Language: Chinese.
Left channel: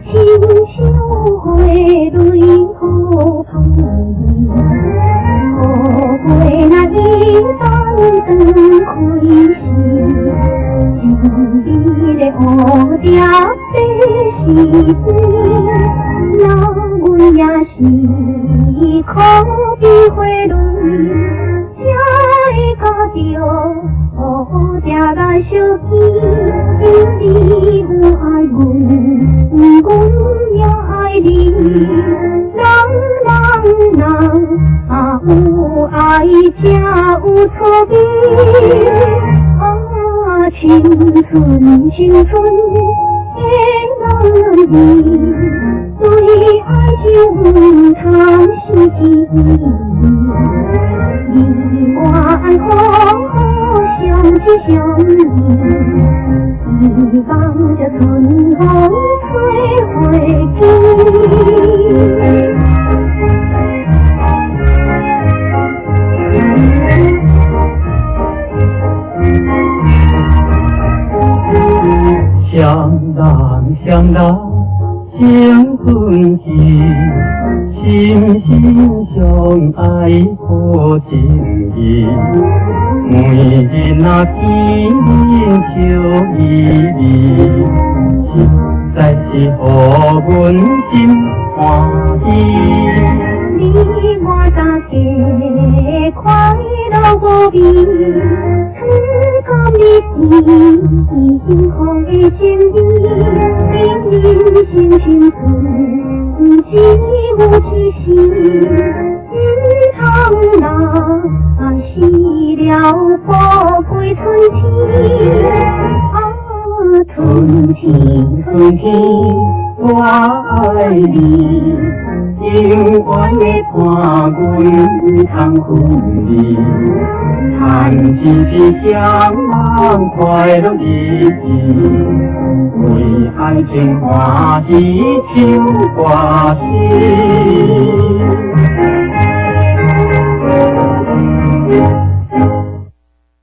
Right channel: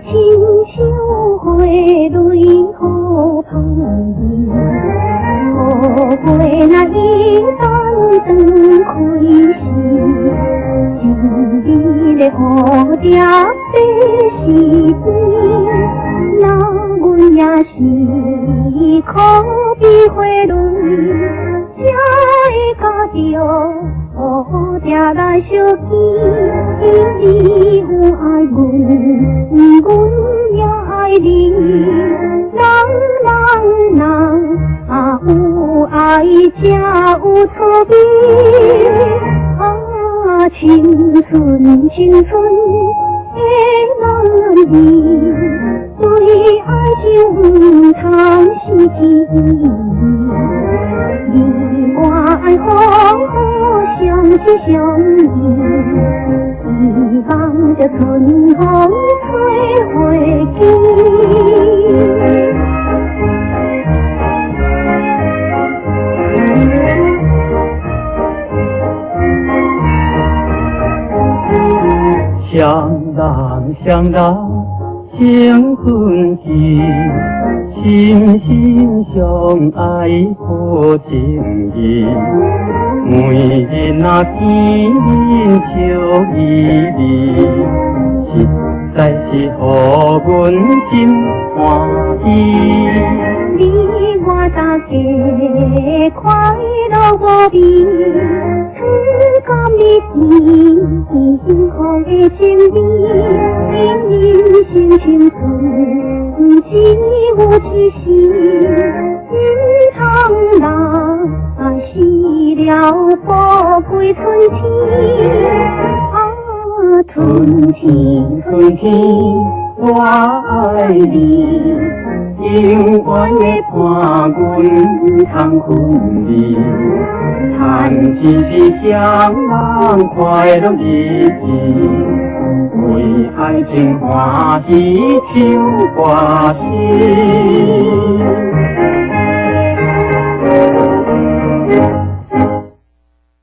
清秋回泪可盼，可会那一番的开心，今日的蝴蝶飞是飞，那阮也是可比回泪，才会甲着蝴蝶来相依，你有爱阮，阮也爱你，人有爱才有错别，青春青春的人儿，对爱情通是天意，你我好相知相依，希望着春风吹回去。想到青春期，心心相爱好情谊，每日那见面笑依依，实在是予阮心欢喜。你我大家快乐无比，春甘蜜甜，幸福的情意，人生青春只有一时，唔通那死了宝贵春天。春天春天我爱你，永远的伴阮通分离，叹只是向往快乐日子，为爱情欢喜唱歌诗。